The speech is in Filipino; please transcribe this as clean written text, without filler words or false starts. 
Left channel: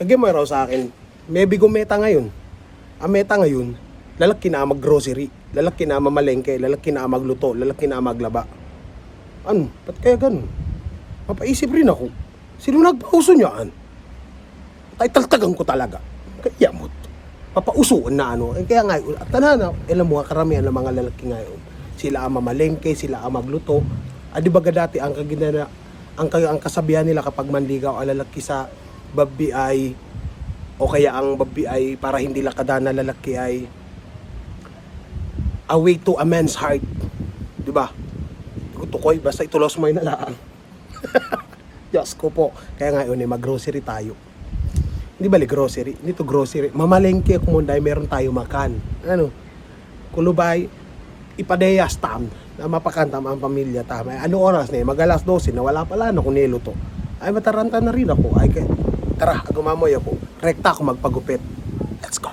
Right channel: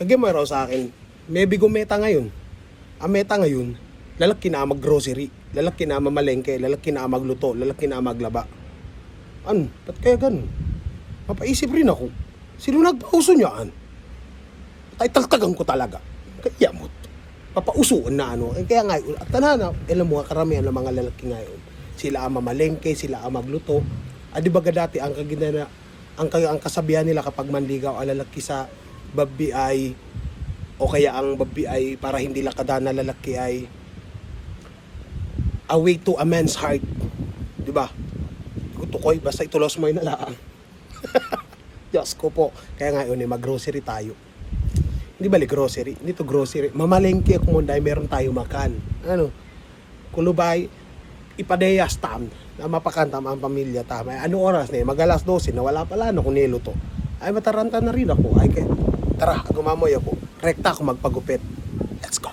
Kagaya mo raw sa akin, may bigong meta ngayon. Ang meta ngayon, lalaki na mag-grocery, lalaki na mamalengke, lalaki na magluto, lalaki na maglaba. Ano? Ba't kaya ganun? Mapaisip rin ako. Sino nagpauso niyaan? Taltagan ko talaga. Kaya mo. Papausuan na ano. Kaya ngayon, at tanana, alam mo, karamihan ng mga lalaki ngayon, sila ang mamalengke, sila ang magluto. Di ba dati ang kasabihan nila kapag manligaw ang lalaki sa babi ay, o kaya ang babi ay para hindi lakadana lalaki ay a way to a man's heart. Di ba? Tukoy, basta itulos mo yung nalaan. Diyos ko po. Kaya ngayon mag-grocery tayo. Hindi bali grocery, dito grocery. Mamalengke kung dahil meron tayo makan. Ano? Kulubay, ipadeyas tam na mapakantam ang pamilya tama. Ano oras na mag-alas 12 na wala pala no kung niluto. Ay mataranta na rin ako. Ay tara, gumamoy ako. Rekta ako magpagupit. Let's go.